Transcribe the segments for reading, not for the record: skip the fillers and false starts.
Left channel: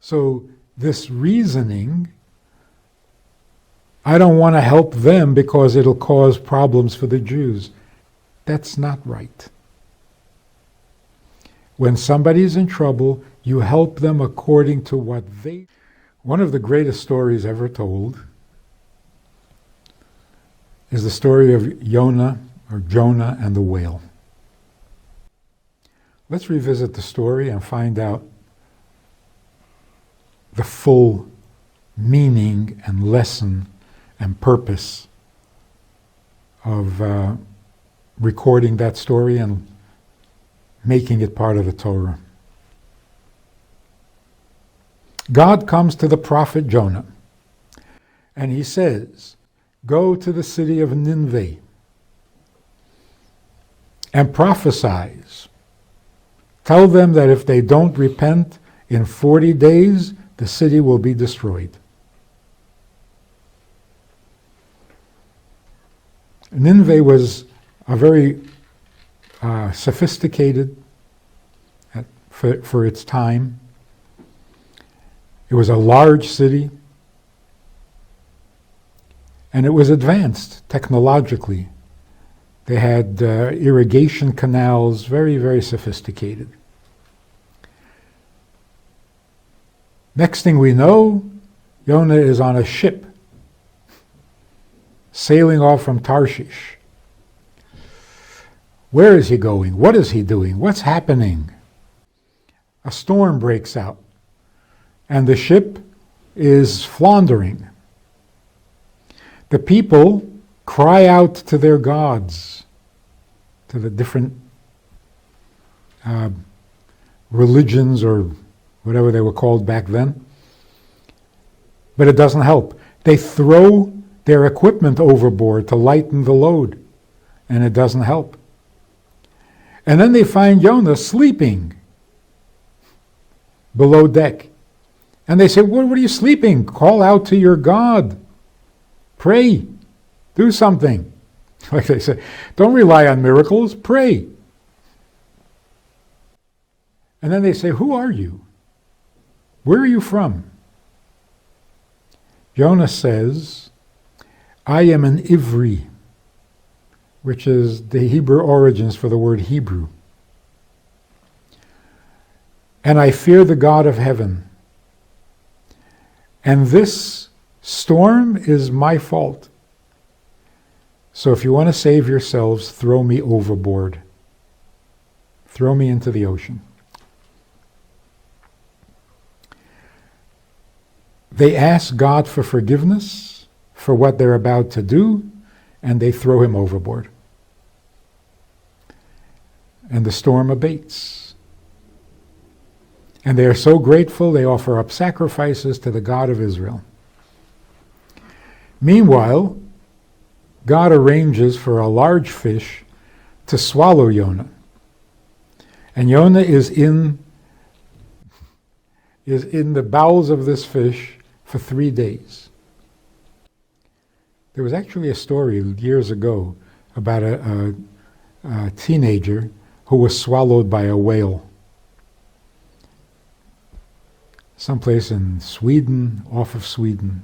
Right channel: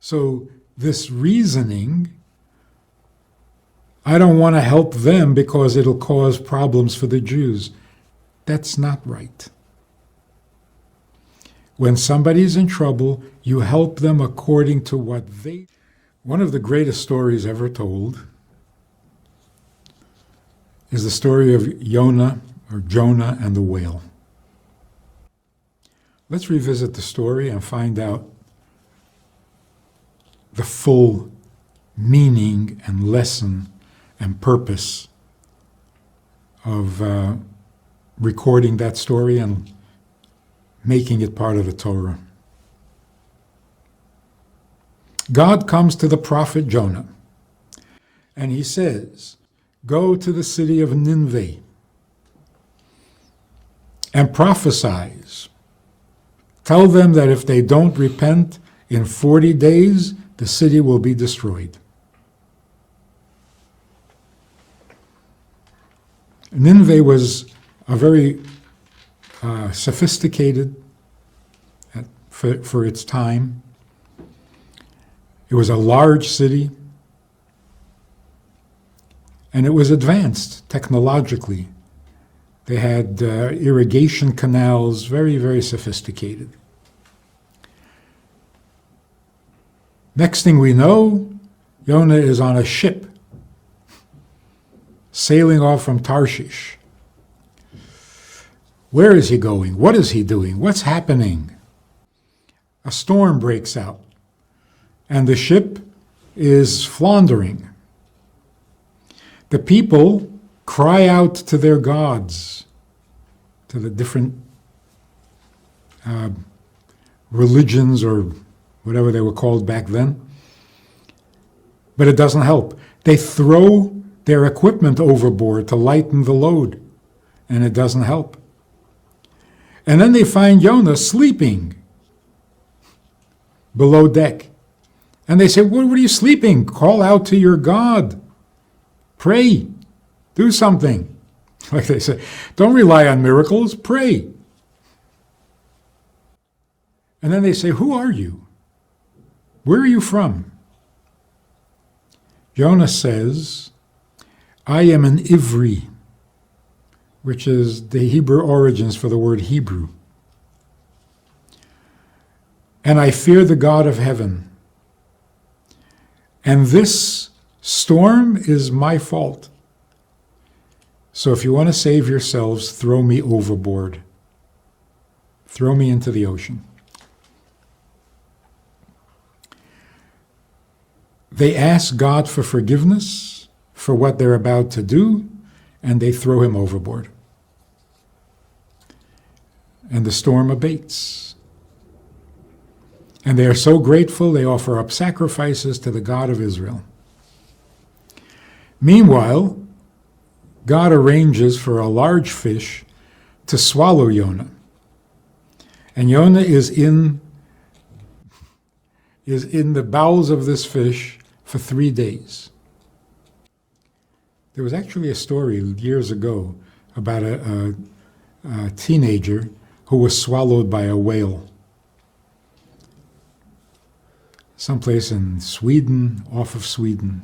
So this reasoning, I don't want to help them because it'll cause problems for the Jews. That's not right. When somebody's in trouble, you help them according to what they... One of the greatest stories ever told is the story of Jonah and the whale. Let's revisit the story and find out the full meaning and lesson and purpose of recording that story and making it part of the Torah. God comes to the prophet Jonah, and he says, go to the city of Nineveh and prophesize. Tell them that if they don't repent in 40 days, the city will be destroyed. Nineveh was a very sophisticated for its time. It was a large city, and it was advanced technologically. They had irrigation canals, very, very sophisticated. Next thing we know, Jonah is on a ship sailing off from Tarshish. Where is he going? What is he doing? What's happening? A storm breaks out, and the ship is floundering. The people cry out to their gods, to the different religions or whatever they were called back then. But it doesn't help. They throw their equipment overboard to lighten the load, and it doesn't help. And then they find Jonah sleeping below deck. And they say, what are you sleeping? Call out to your God. Pray. Do something. Like they say, don't rely on miracles, pray. And then they say, who are you? Where are you from? Jonah says, I am an Ivri, which is the Hebrew origins for the word Hebrew. And I fear the God of heaven. And this storm is my fault. So if you want to save yourselves, throw me overboard. Throw me into the ocean. They ask God for forgiveness for what they're about to do, and they throw him overboard. And the storm abates. And they are so grateful they offer up sacrifices to the God of Israel. Meanwhile, God arranges for a large fish to swallow Jonah. And Jonah is in the bowels of this fish for 3 days. There was actually a story years ago about a teenager who was swallowed by a whale. Someplace in Sweden, off of Sweden.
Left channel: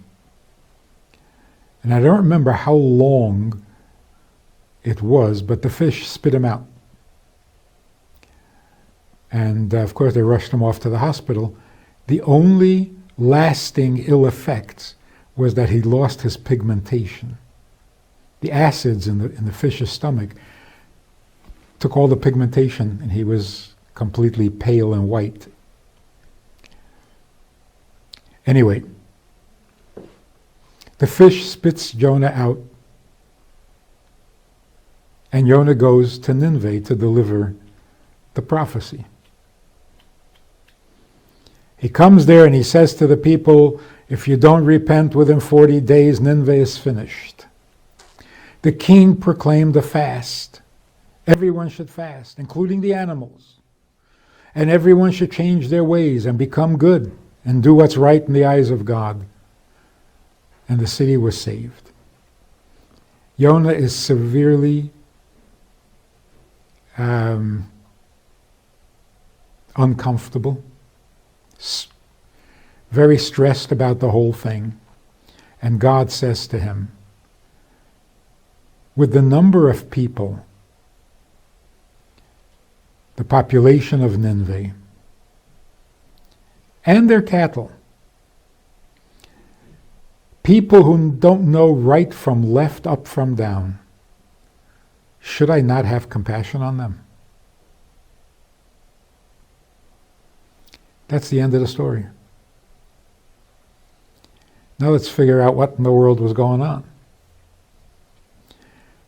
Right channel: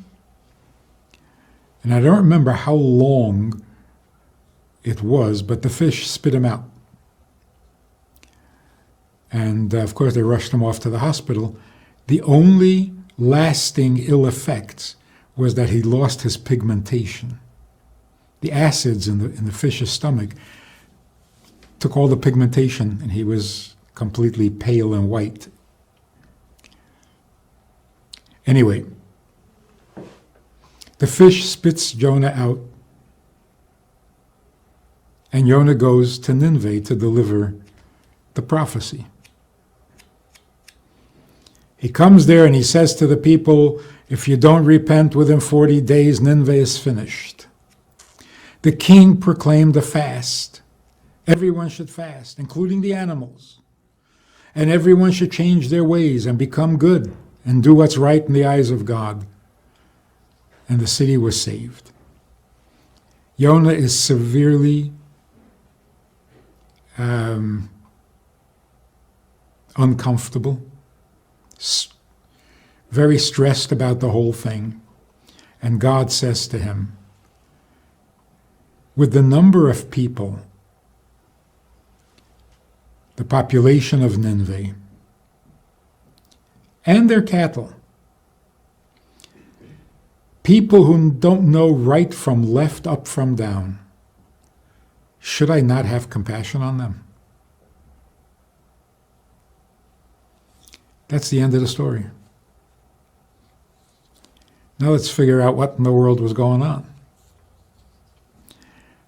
And I don't remember how long it was, but the fish spit him out. And of course they rushed him off to the hospital. The only lasting ill effects was that he lost his pigmentation. The acids in the fish's stomach took all the pigmentation, and he was completely pale and white. Anyway, the fish spits Jonah out, and Jonah goes to Nineveh to deliver the prophecy. He comes there and he says to the people, if you don't repent within 40 days, Nineveh is finished. The king proclaimed a fast. Everyone should fast, including the animals. And everyone should change their ways and become good and do what's right in the eyes of God. And the city was saved. Jonah is severely uncomfortable. very stressed about the whole thing. And God says to him, with the number of people, the population of Nineveh, and their cattle, people who don't know right from left, up from down, should I not have compassion on them? That's the end of the story. Now let's figure out what in the world was going on.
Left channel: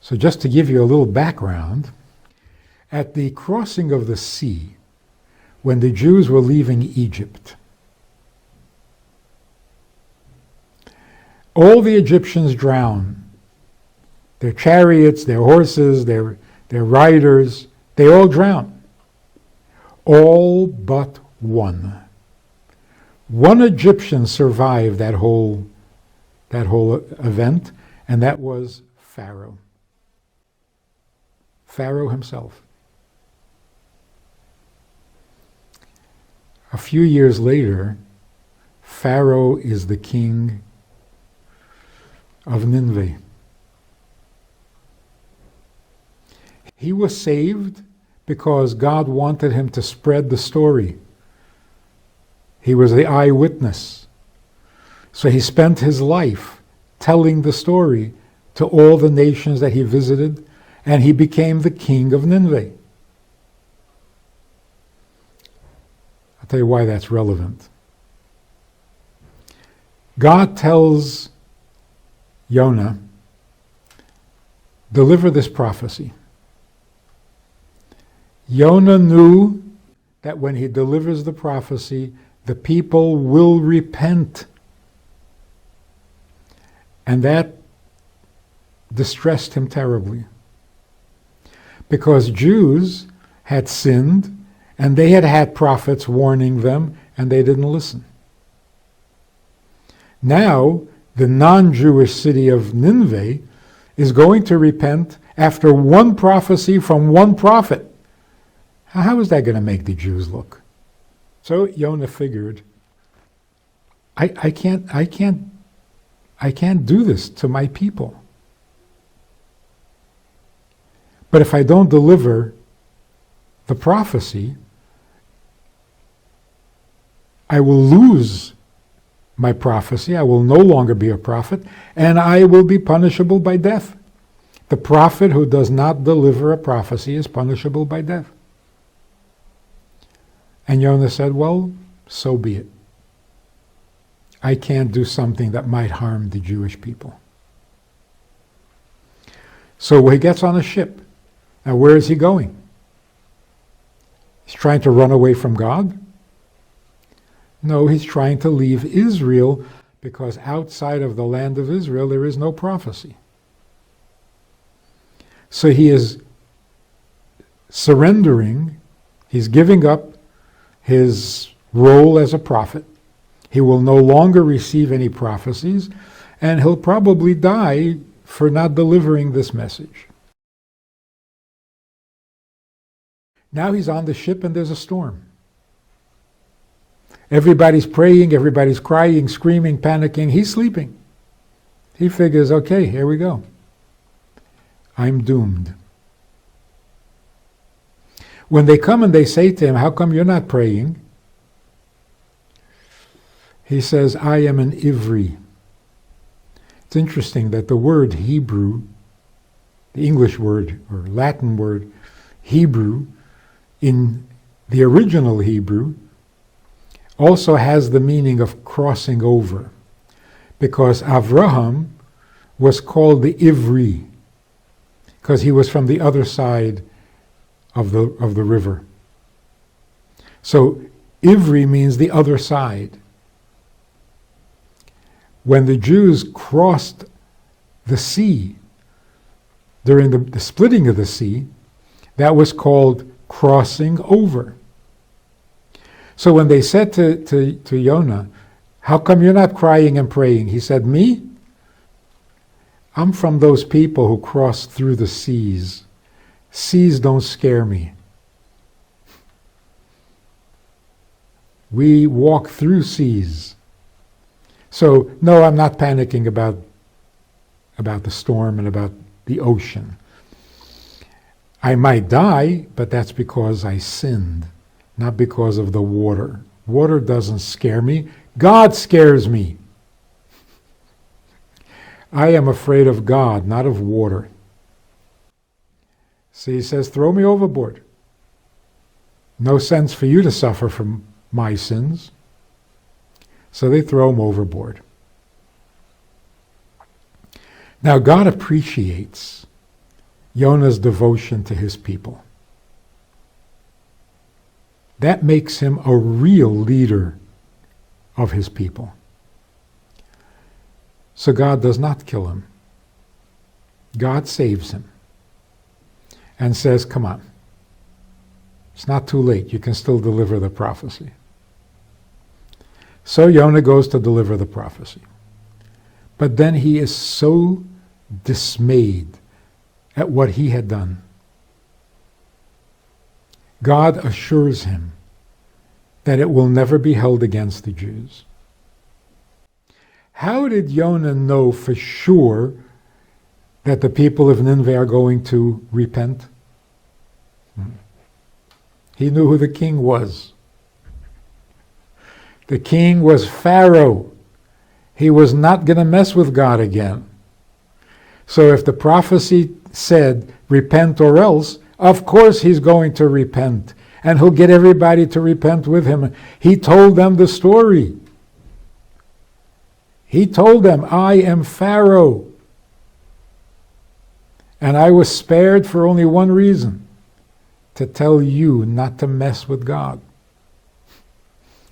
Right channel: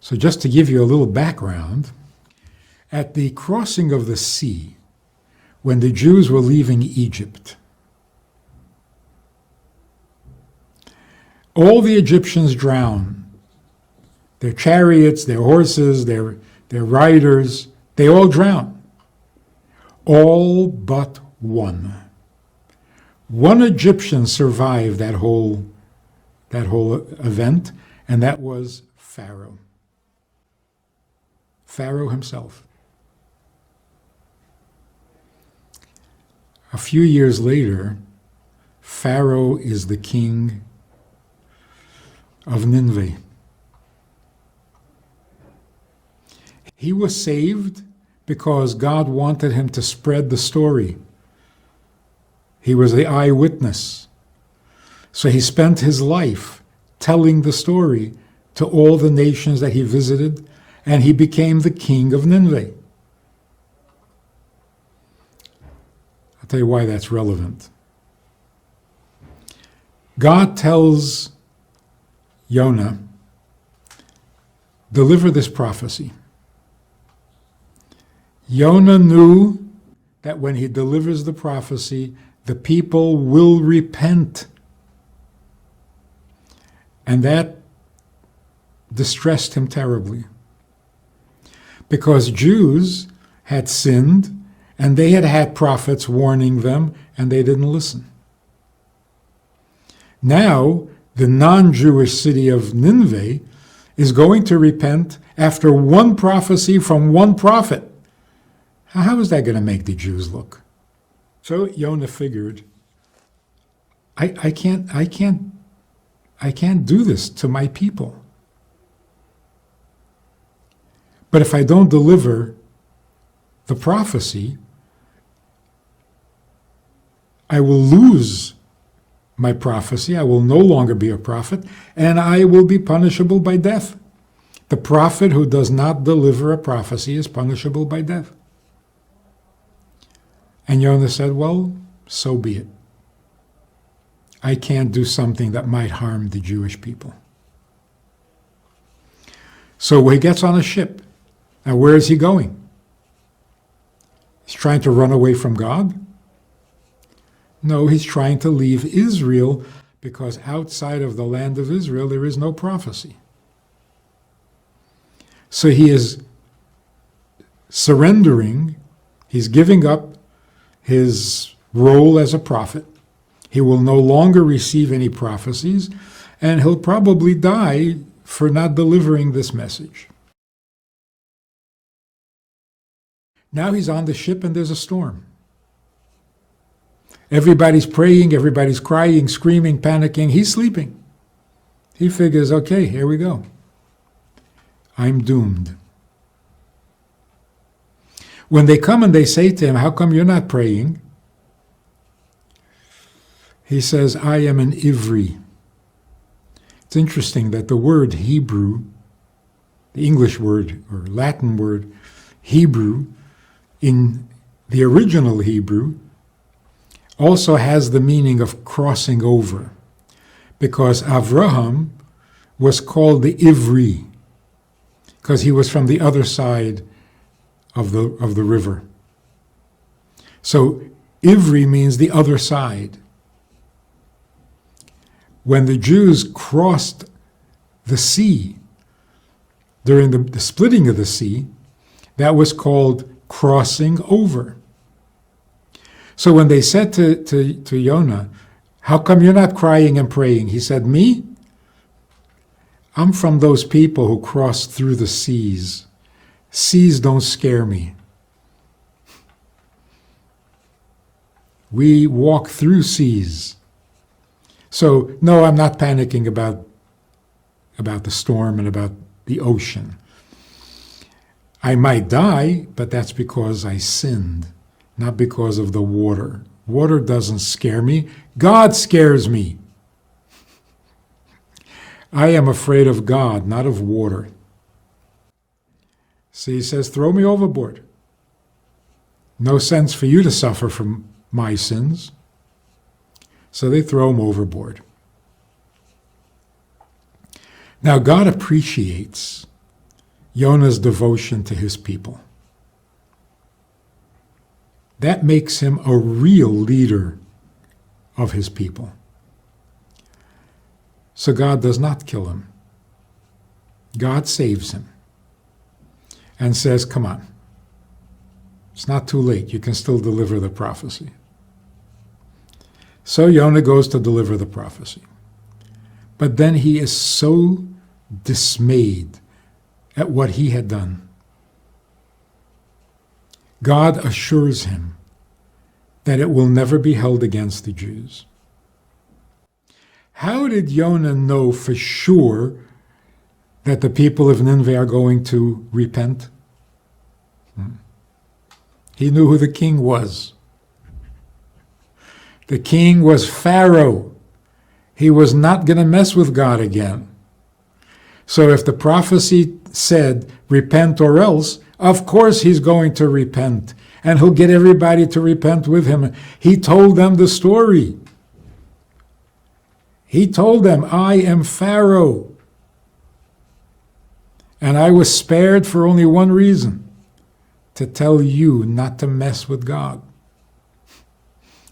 So just to give you a little background, at the crossing of the sea, when the Jews were leaving Egypt, all the Egyptians drowned. Their chariots, their horses, their riders, they all drowned. All but one. One Egyptian survived that whole event, and that was Pharaoh. Pharaoh himself. A few years later, Pharaoh is the king of Nineveh. He was saved because God wanted him to spread the story. He was the eyewitness. So he spent his life telling the story to all the nations that he visited, and he became the king of Nineveh. I'll tell you why that's relevant. God tells Jonah, deliver this prophecy. Jonah knew that when he delivers the prophecy, the people will repent. And that distressed him terribly. Because Jews had sinned, and they had had prophets warning them, and they didn't listen. Now, the non-Jewish city of Nineveh is going to repent after one prophecy from one prophet. How is that going to make the Jews look? So Jonah figured, I can't do this to my people. But if I don't deliver the prophecy, I will lose my prophecy. I will no longer be a prophet, and I will be punishable by death. The prophet who does not deliver a prophecy is punishable by death. And Jonah said, well, so be it. I can't do something that might harm the Jewish people. So he gets on a ship. Now where is he going? He's trying to run away from God? No, he's trying to leave Israel, because outside of the land of Israel there is no prophecy. So he is surrendering, he's giving up his role as a prophet. He will no longer receive any prophecies, and he'll probably die for not delivering this message. Now he's on the ship and there's a storm. Everybody's praying, everybody's crying, screaming, panicking. He's sleeping. He figures, okay, here we go. I'm doomed. When they come and they say to him, how come you're not praying? He says, I am an Ivri. It's interesting that the word Hebrew, the English word or Latin word Hebrew, in the original Hebrew, also has the meaning of crossing over, because Avraham was called the Ivri, because he was from the other side of the river. So Ivri means the other side. When the Jews crossed the sea, during the splitting of the sea, that was called crossing over. So when they said to Jonah, how come you're not crying and praying? He said, me? I'm from those people who crossed through the seas. Seas don't scare me. We walk through seas. So, no, I'm not panicking about the storm and about the ocean. I might die, but that's because I sinned, not because of the water. Water doesn't scare me. God scares me. I am afraid of God, not of water. So he says, throw me overboard. No sense for you to suffer from my sins. So they throw him overboard. Now God appreciates Jonah's devotion to his people. That makes him a real leader of his people. So God does not kill him. God saves him and says, come on, it's not too late. You can still deliver the prophecy. So Jonah goes to deliver the prophecy. But then he is so dismayed at what he had done. God assures him that it will never be held against the Jews. How did Jonah know for sure that the people of Nineveh are going to repent? He knew who the king was. The king was Pharaoh. He was not going to mess with God again. So if the prophecy said, repent or else, of course he's going to repent. And he'll get everybody to repent with him. He told them the story. He told them, I am Pharaoh. And I was spared for only one reason, to tell you not to mess with God.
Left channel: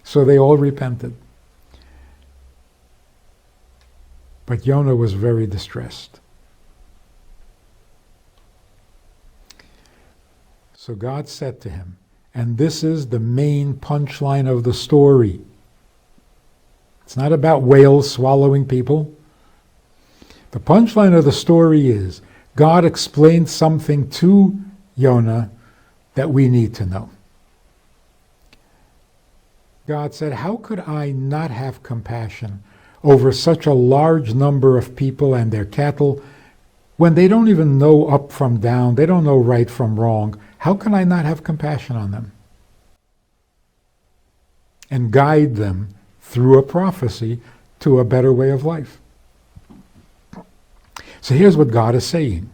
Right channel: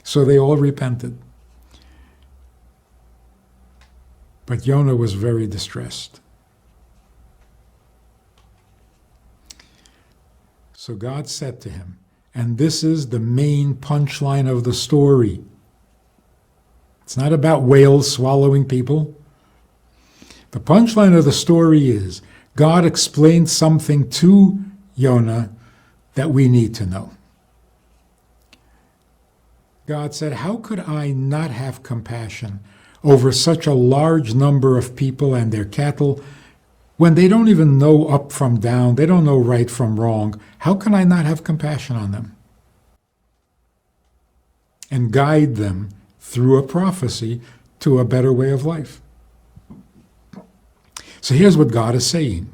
So they all repented. But Jonah was very distressed. So God said to him, and this is the main punchline of the story. It's not about whales swallowing people. The punchline of the story is God explained something to Jonah that we need to know. God said, how could I not have compassion over such a large number of people and their cattle when they don't even know up from down, they don't know right from wrong? How can I not have compassion on them? And guide them through a prophecy to a better way of life. So here's what God is saying.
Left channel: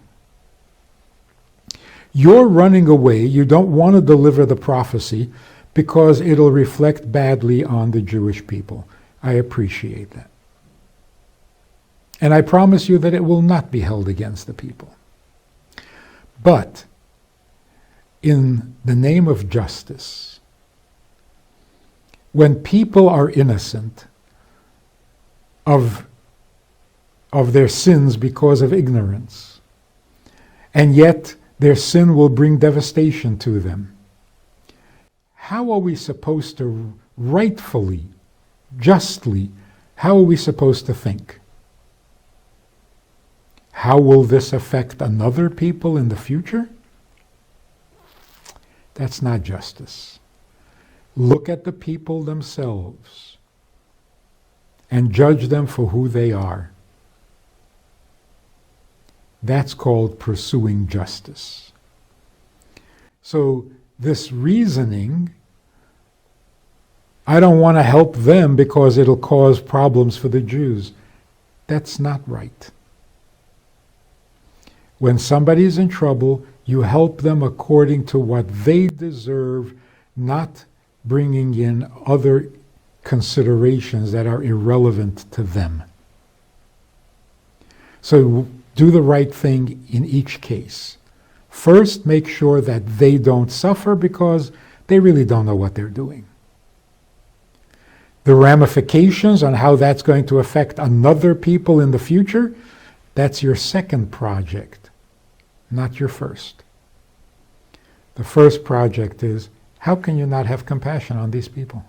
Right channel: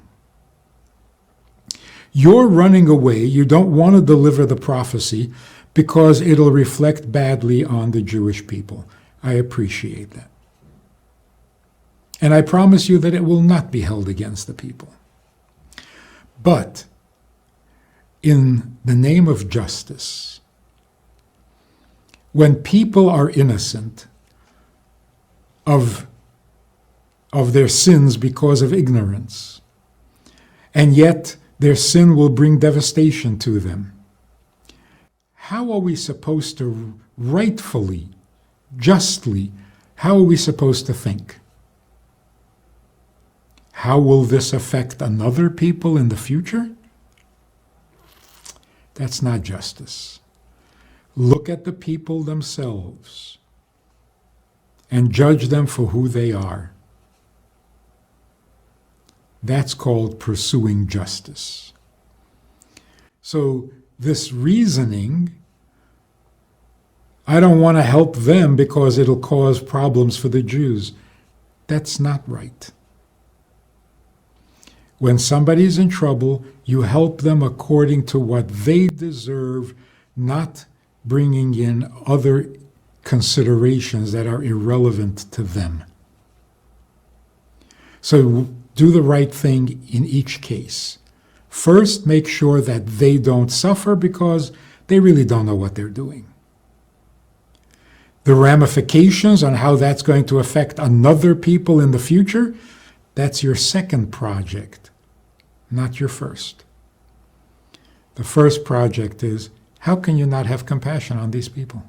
You're running away, you don't want to deliver the prophecy because it'll reflect badly on the Jewish people. I appreciate that. And I promise you that it will not be held against the people. But in the name of justice, when people are innocent of their sins because of ignorance, and yet their sin will bring devastation to them, how are we supposed to rightfully, justly, how are we supposed to think? How will this affect another people in the future? That's not justice. Look at the people themselves and judge them for who they are. That's called pursuing justice. So this reasoning, I don't want to help them because it'll cause problems for the Jews, that's not right. When somebody's in trouble, you help them according to what they deserve, not bringing in other considerations that are irrelevant to them. So do the right thing in each case. First, make sure that they don't suffer because they really don't know what they're doing. The ramifications on how that's going to affect another people in the future, that's your second project, not your first. The first project is, how can you not have compassion on these people?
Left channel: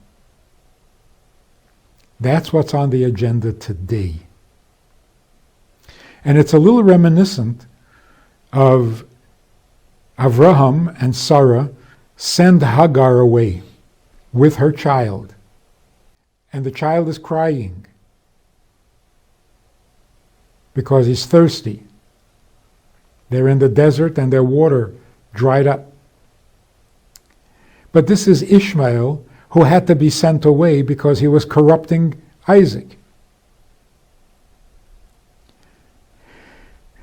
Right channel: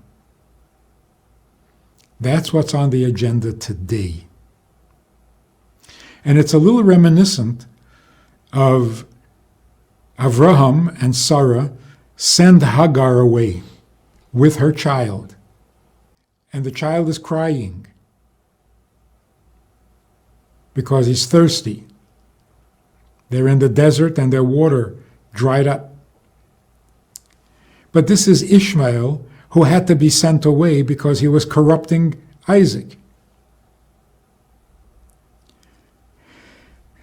That's what's on the agenda today. And it's a little reminiscent of Avraham and Sarah send Hagar away with her child. And the child is crying. because he's thirsty. They're in the desert and their water dried up. But this is Ishmael, who had to be sent away because he was corrupting Isaac.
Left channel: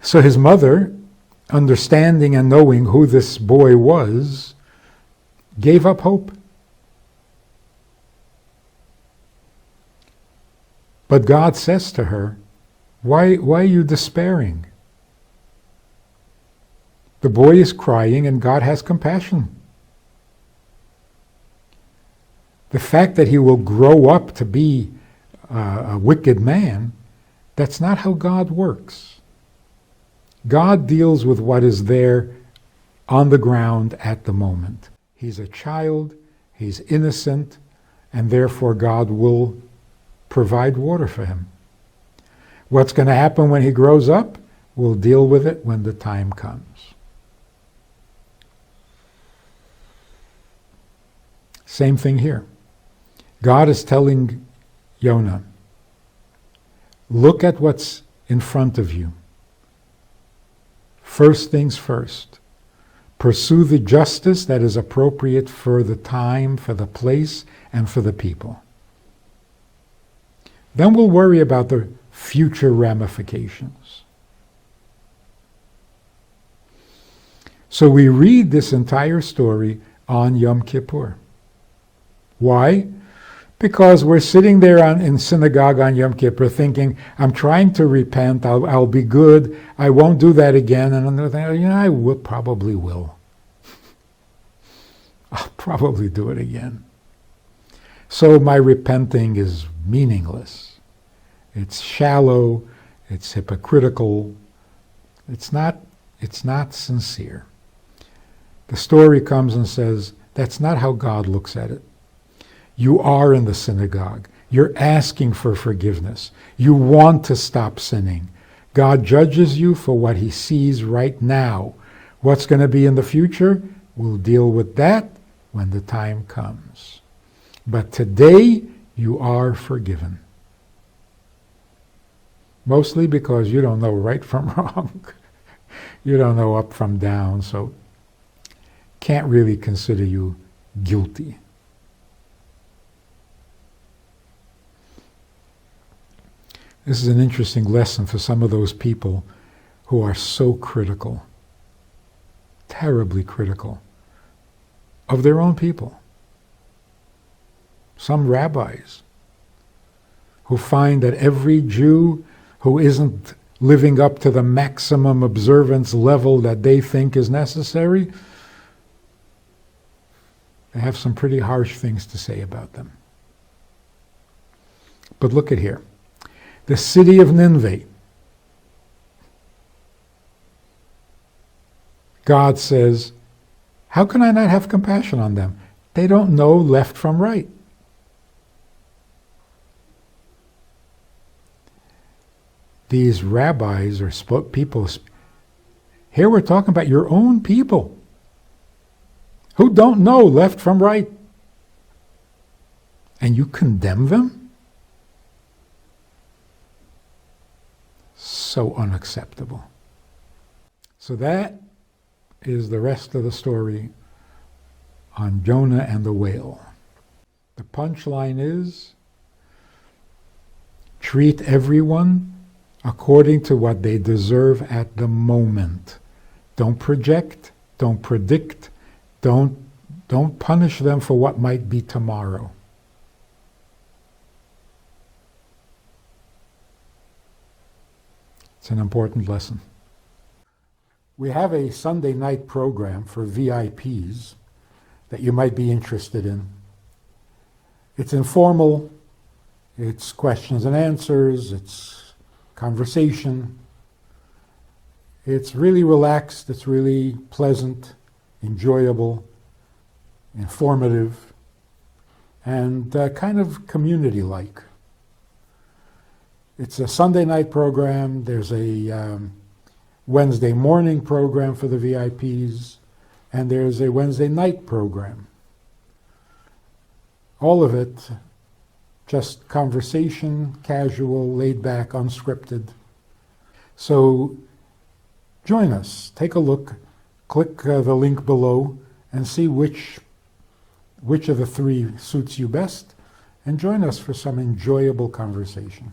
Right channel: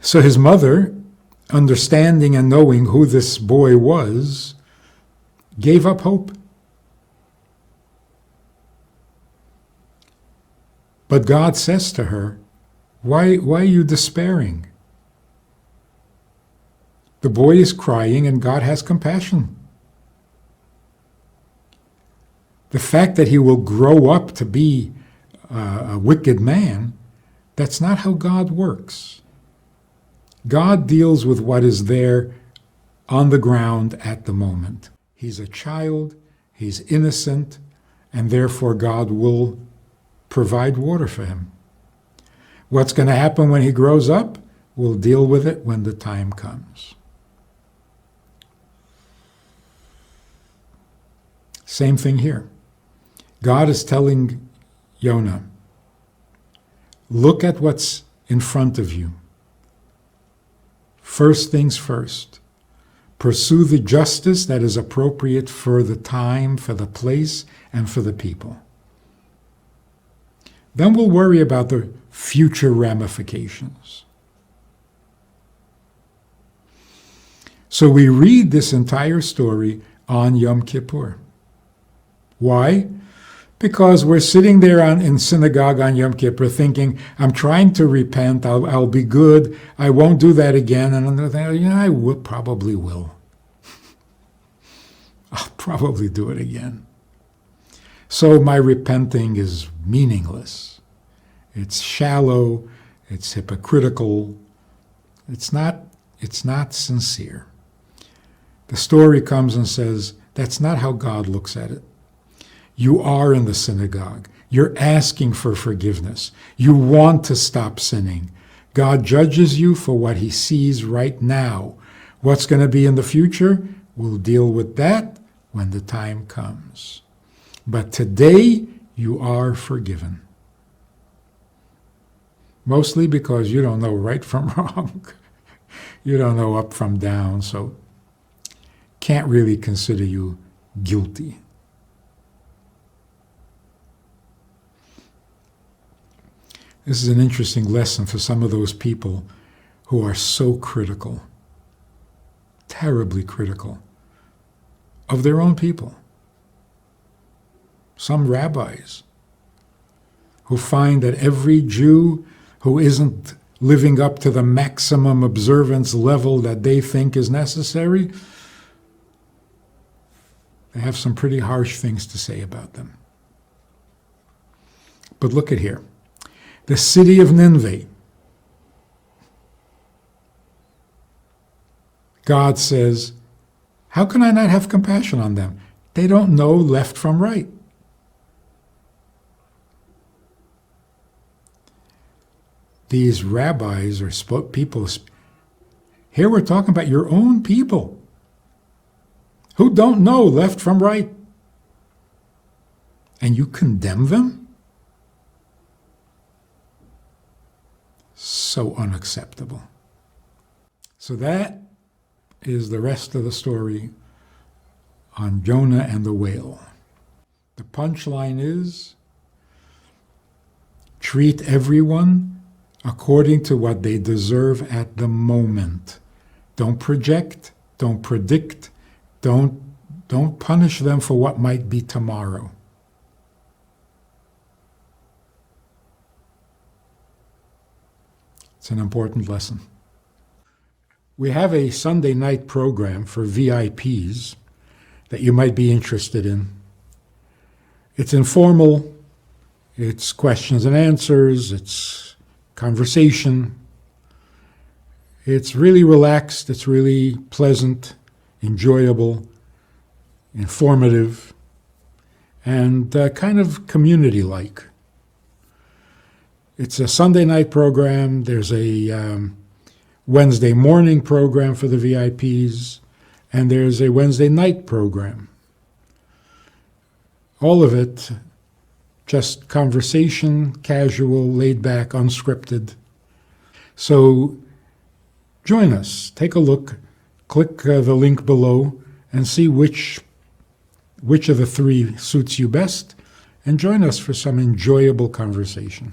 So his mother, understanding and knowing who this boy was, gave up hope. But God says to her, why are you despairing? The boy is crying and God has compassion. The fact that he will grow up to be a wicked man, that's not how God works. God deals with what is there on the ground at the moment. He's a child, he's innocent, and therefore God will provide water for him. What's going to happen when he grows up? We'll deal with it when the time comes. Same thing here. God is telling Jonah, look at what's in front of you. First things first. Pursue the justice that is appropriate for the time, for the place, and for the people. Then we'll worry about the future ramifications. So we read this entire story on Yom Kippur. Why? Because we're sitting there in synagogue on Yom Kippur thinking, I'm trying to repent, I'll be good, I won't do that again. And another thing, I probably will. I'll probably do it again. So my repenting is meaningless. It's shallow, it's hypocritical, it's not sincere. The story comes and says, that's not how God looks at it. You are in the synagogue. You're asking for forgiveness. You want to stop sinning. God judges you for what he sees right now. What's going to be in the future? We'll deal with that when the time comes. But today, you are forgiven. Mostly because you don't know right from wrong. You don't know up from down, so can't really consider you guilty. This is an interesting lesson for some of those people who are so critical, terribly critical, of their own people. Some rabbis who find that every Jew who isn't living up to the maximum observance level that they think is necessary, they have some pretty harsh things to say about them. But look at here. The city of Nineveh. God says, how can I not have compassion on them? They don't know left from right. These rabbis or people, here we're talking about your own people who don't know left from right. And you condemn them? So unacceptable. So that is the rest of the story on Jonah and the whale. The punchline is, treat everyone according to what they deserve at the moment. Don't project, don't predict, don't punish them for what might be tomorrow. It's an important lesson. We have a Sunday night program for VIPs that you might be interested in. It's informal, it's questions and answers, it's conversation. It's really relaxed, it's really pleasant, enjoyable, informative, and kind of community-like. It's a Sunday night program. There's a Wednesday morning program for the VIPs, and there's a Wednesday night program. All of it just conversation, casual, laid back, unscripted. So join us. Take a look. Click the link below and see which of the three suits you best, and join us for some enjoyable conversation.